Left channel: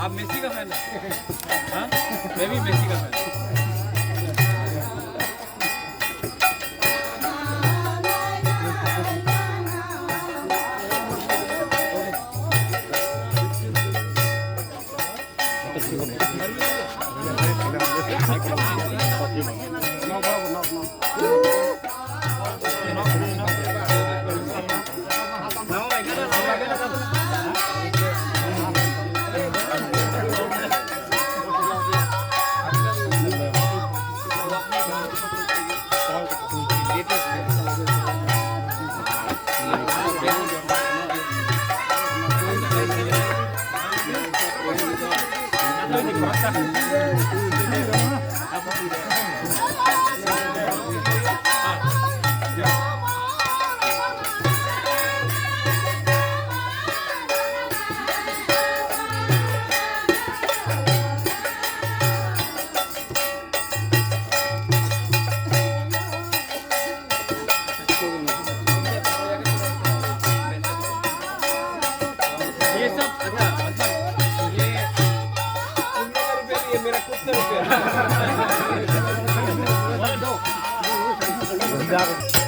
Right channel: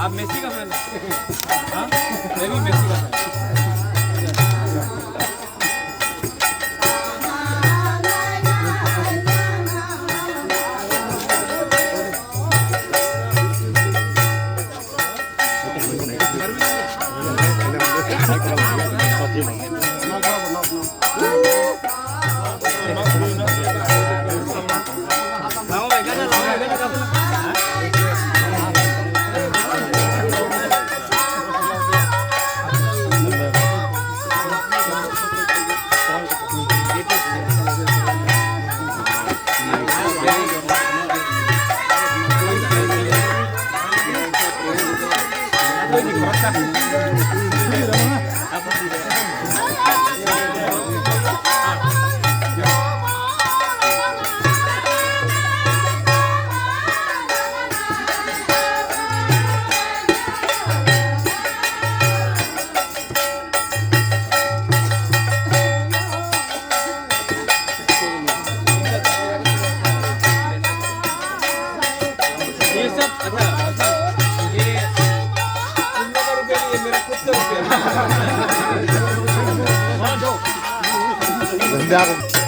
आप मेसी का फैन हाँ मैं भी मेसी का फैन ये सब अच्छा मतलब ये तुम लोग का रुपया नहीं है मेरा खुद का रुपया